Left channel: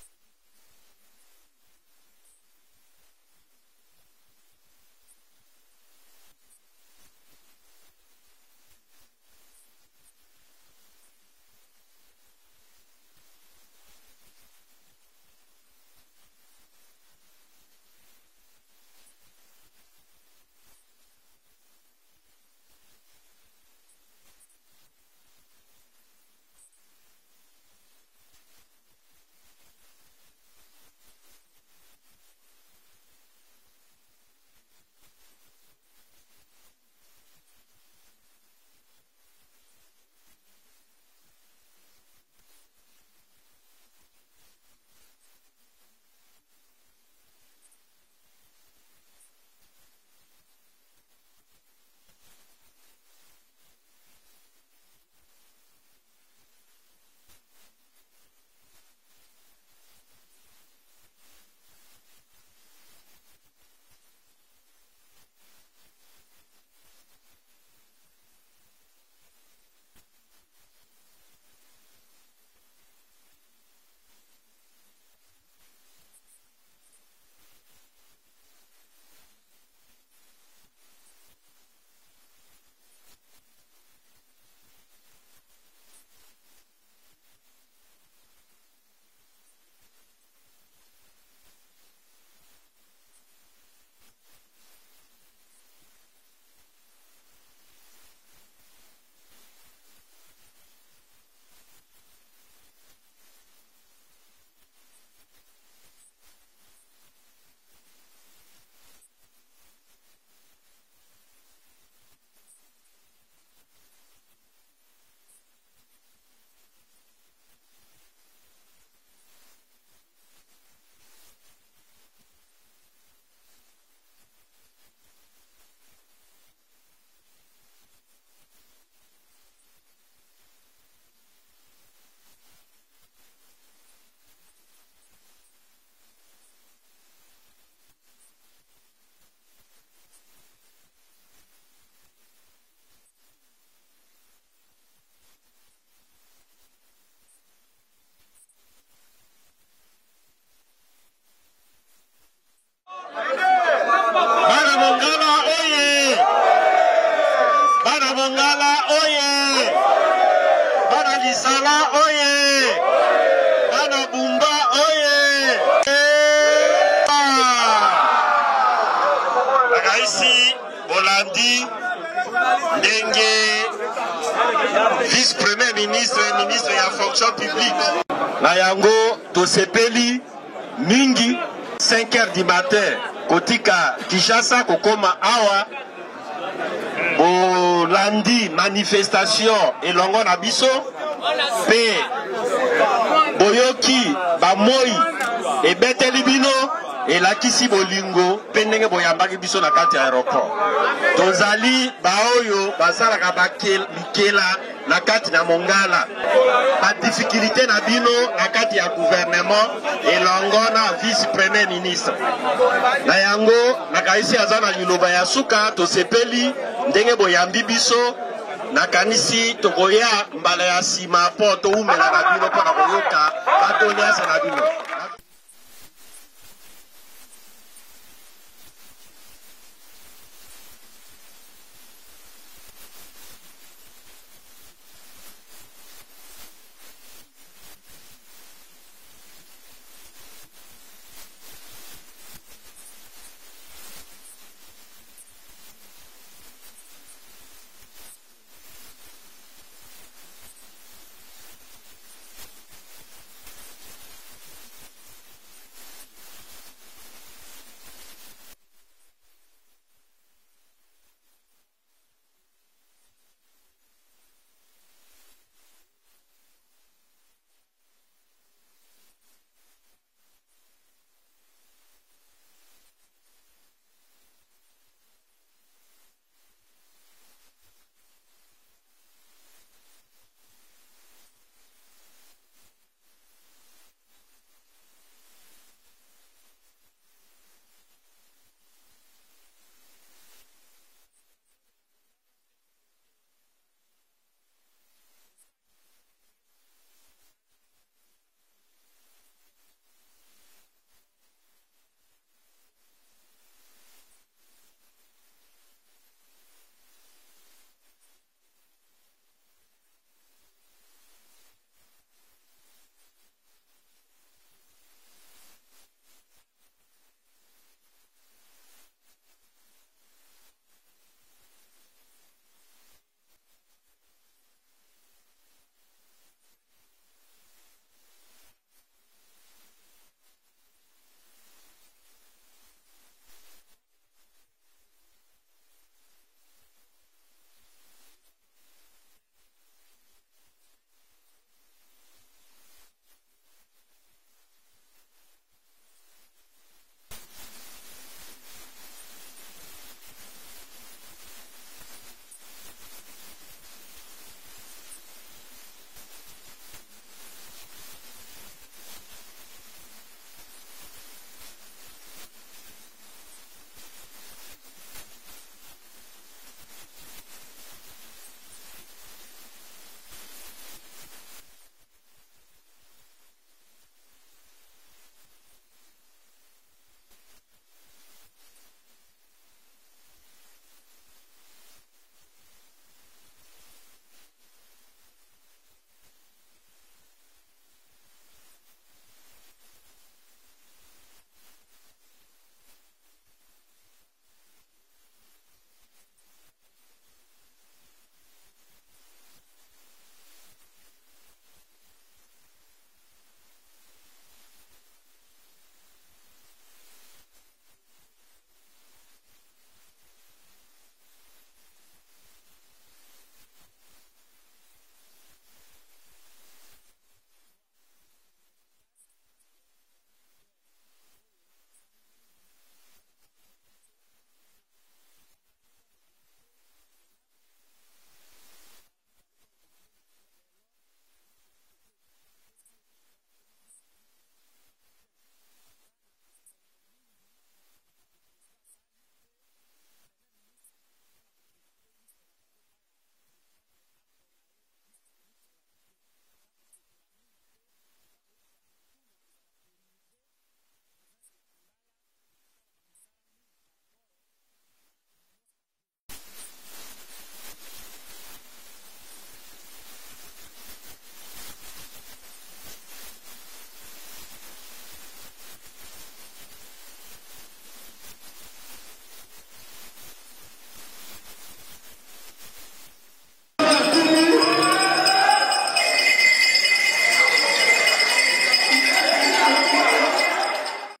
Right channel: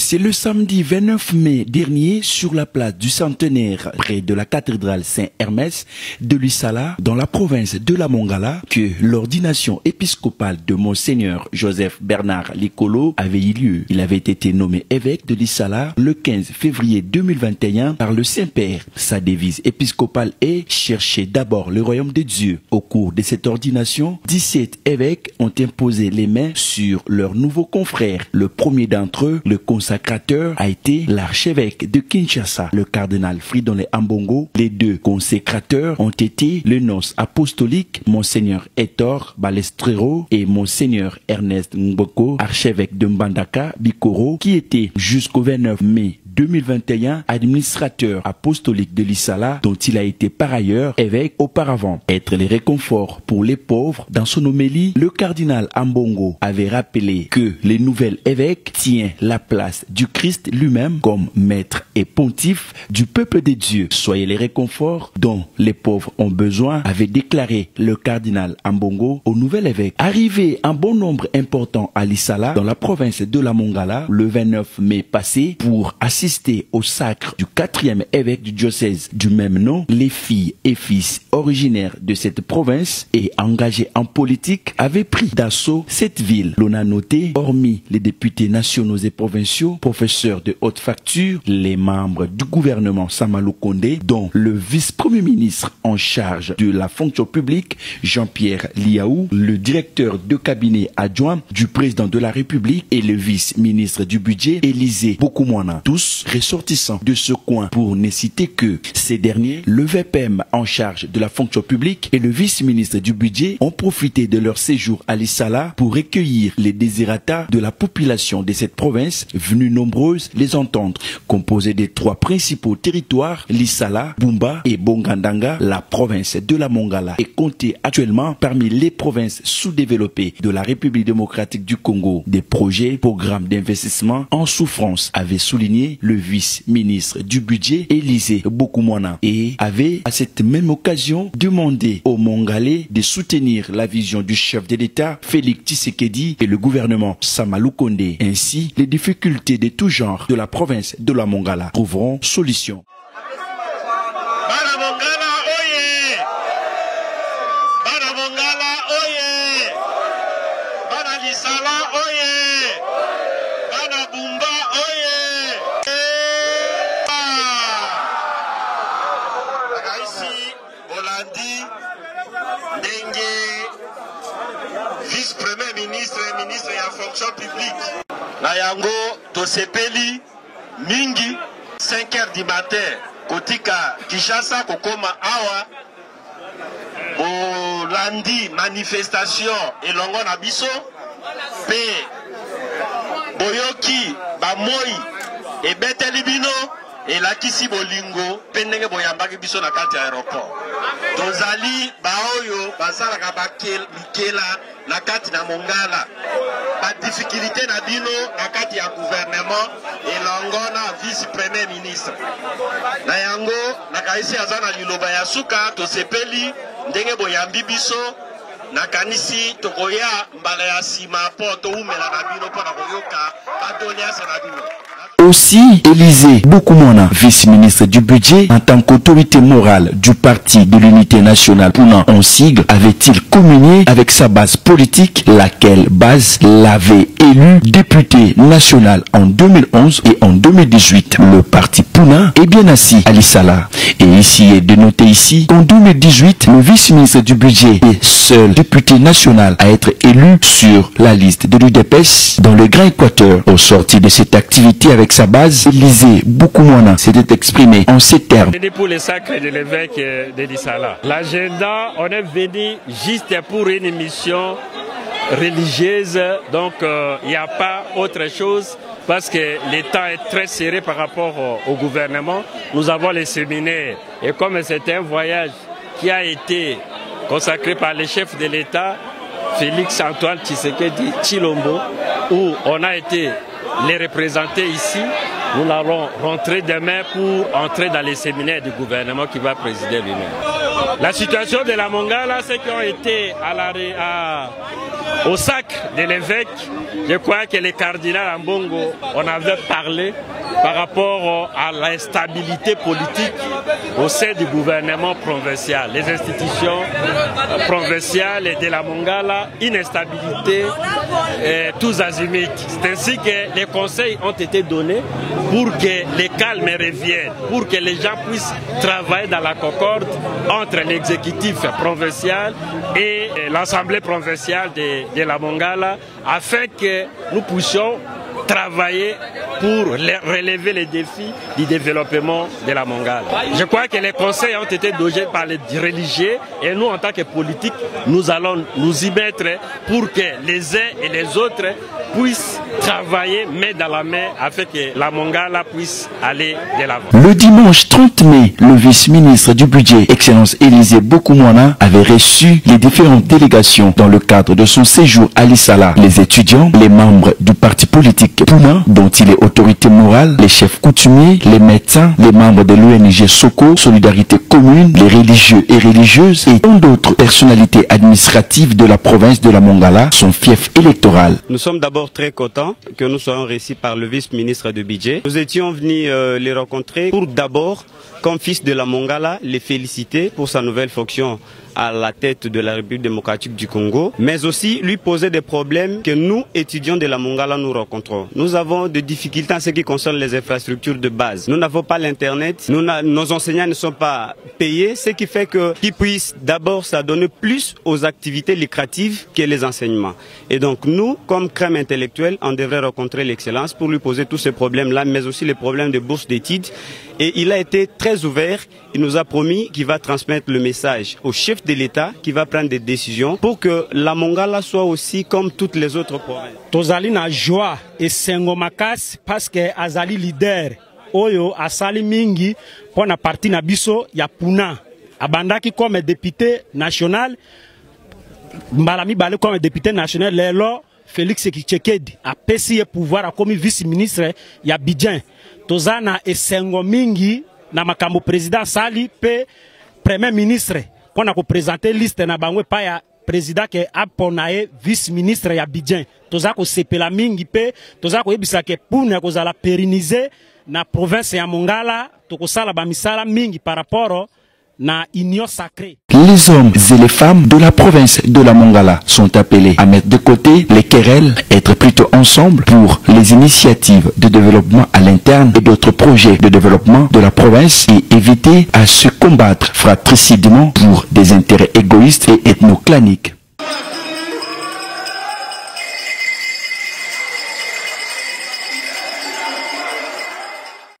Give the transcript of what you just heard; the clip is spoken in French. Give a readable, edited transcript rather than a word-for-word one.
C'est le samedi 29 mai dernier sur la place du Centenaire, près de la cathédrale Saint-Hermès de Lissala, dans la province de la Mongala, que l'ordination épiscopale de Monseigneur Joseph Bernard Likolo avait eu lieu. Il avait été nommé évêque de Lissala le 15 février 2021 par le Saint-Père. Sa devise épiscopale est « Cherchez d'abord le royaume de Dieu ». Au cours de cette ordination, 17 évêques ont imposé les mains sur leurs nouveaux confrères. Le premier d'entre eux, le consacrateur, a été l'archevêque de Kinshasa, le cardinal Fridolin Ambongo. Les deux consécrateurs ont été le nonce apostolique, Monseigneur Hector Balestrero et Monseigneur Ernest Mboko, archevêque de Mbandaka, Bikoro, qui était jusqu'au 29 mai 2021 administrateur apostolique de Lissala, dont il a été par ailleurs évêque auparavant. Être les réconforts pour les pauvres. Dans son homélie, le cardinal Ambongo avait rappelé que les nouvelles évêques tiennent la place du Christ lui-même comme maître et pontife du peuple de Dieu. Soyez les réconforts dont les pauvres ont besoin, avait déclaré le cardinal Ambongo au nouvel évêque. Arrivé un bon nombre important à Lissala, dans la province de la Mongala, le 29 mai passé, pour assister au sacre du 4e évêque du diocèse du même nom, les filles et fils originaires de cette province et engagés en politique avaient pris d'assaut cette ville. L'on a noté, hormis les députés nationaux et provinciaux, professeurs de haute facture, les membres du gouvernement Samalou Kondé, dont le vice-premier ministre en charge de la fonction publique, Jean-Pierre Liaou, le directeur de cabinet adjoint du président de la République et le vice-ministre du budget, Élisée Bokoumouana. Tous ressortissants de ce coin, pour ne citer que ces derniers, le VPM en charge de la fonction publique et le vice-ministre du budget ont profité de leur séjour à Lissala pour recueillir les désirata de la population de cette province, venue nombreuse les entendre. Composée des 3 principaux territoires, Lissala, Bumba et Bongandanga, la province de la Mongala est comptée actuellement parmi les provinces sous-développées de la République démocratique du Congo. Des projets, programmes d'investissement en souffrance, avaient souligné le vice-ministre du budget, Élisée Bokoumouana, et avait à cette même occasion demandé aux Mongalais de soutenir la vision du chef de l'État, Félix Tshisekedi, et le gouvernement Samalou Kondé. Ainsi, les difficultés de tout genre de la province de la Mongala trouveront solution. Vice-premier ministre et ministre de la fonction publique. Nayango tosepeli mingi 5h du matin kotika Kinshasa kokoma awa bolandi manifestation elongo na biso pe boyoki bamoi ebeteli bino elakisi bolingo pe ndenge boyambaki biso na kati ya aéroport. Tozali baoyo basalaka bakela na kati na Mongala, ba difficulté na bino na kati ya gouvernement elongo na vice-premier ministre. Na yango nakaisi azana liloba ya suka tosepeli ndenge boyambi biso nakanisi tokoya mbala ya sima po toumela na bino po na koyoka batoniasa na bino. Aussi, Élisée Bokoumouana, vice-ministre du budget, en tant qu'autorité morale du Parti de l'Unité nationale, Puna en sigle, avait-il communié avec sa base politique, laquelle base l'avait élu député national en 2011 et en 2018. Le parti Puna est bien assis à Lissala. Et ici est de noter ici qu'en 2018, le vice-ministre du budget est seul député national à être élu sur la liste de l'UDPS dans le Grand Équateur. Au sortir de cette activité avec sa base, Élisée Bokoumouana s'était exprimé en ces termes. Pour le sacre de l'évêque de Lissala. L'agenda, on est venu juste pour une mission religieuse, donc il n'y a pas autre chose parce que le temps est très serré par rapport au gouvernement. Nous avons les séminaires et comme c'est un voyage qui a été consacré par le chef de l'État, Félix Antoine Tshisekedi Tshilombo, où on a été les représenter ici. Nous allons rentrer demain pour entrer dans les séminaires du gouvernement qui va présider lui-même. La situation de la Mongala, ceux qui ont été au sac de l'évêque, je crois que les cardinaux Ambongo, on avait parlé par rapport à l'instabilité politique au sein du gouvernement provincial, les institutions provinciales et de la Mongala, une instabilité tous azimuts. C'est ainsi que les conseils ont été donnés pour que les calmes reviennent, pour que les gens puissent travailler dans la concorde entre l'exécutif provincial et l'Assemblée provinciale de la Mongala, afin que nous puissions travailler pour relever les défis du développement de la Mongala. Je crois que les conseils ont été donnés par les religieux et nous, en tant que politiques, nous allons nous y mettre pour que les uns et les autres puissent travailler main dans la main afin que la Mongala puisse aller de l'avant. Le dimanche 30 mai, le vice-ministre du budget, Excellence Élisée Bokoumouana, avait reçu les différentes délégations dans le cadre de son séjour à Lissala. Les étudiants, les membres du parti politique Pouna, dont il est autorité morale, les chefs coutumiers, les médecins, les membres de l'ONG Soko, Solidarité Commune, les religieux et religieuses et tant d'autres personnalités administratives de la province de la Mongala, son fief électoral. Nous sommes d'abord très contents que nous soyons reçus par le vice-ministre du budget. Nous étions venus les rencontrer pour d'abord, comme fils de la Mongala, les féliciter pour sa nouvelle fonction à la tête de la République démocratique du Congo, mais aussi lui poser des problèmes que nous, étudiants de la Mongala, nous rencontrons. Nous avons des difficultés en ce qui concerne les infrastructures de base. Nous n'avons pas l'Internet, nos enseignants ne sont pas payés, ce qui fait qu'ils puissent d'abord s'adonner plus aux activités lucratives que les enseignements. Et donc nous, comme crème intellectuelle, on devrait rencontrer l'excellence pour lui poser tous ces problèmes-là, mais aussi les problèmes de bourse d'études. Et il a été très ouvert, il nous a promis qu'il va transmettre le message au chef de l'État qui va prendre des décisions pour que la Mongala soit aussi comme toutes les autres provinces. Tozali na joie et sengo makasi parce que azali leader oyo asali mingi pona parti na biso ya Puna. Abandaki comme député national, Mbalami Bale comme député national, lelo Félix Tshisekedi a pesi pouvoir comme vice-ministre ya Abidjan. Tozana esengo mingi na makambo président sali pe premier ministre qu'on a présenté liste na bangwe pa ya président ke aponae vice-ministre ya Abidjan. Toza ko sepela mingi pe toza ko yebisa ke puna ko zala pérenniser na province ya Mongala to ko sala ba misala mingi par rapport na union sacrée. Les hommes et les femmes de la province de la Mongala sont appelés à mettre de côté les querelles, être plutôt ensemble pour les initiatives de développement à l'interne et d'autres projets de développement de la province et éviter à se combattre fratricidement pour des intérêts égoïstes et ethnoclaniques.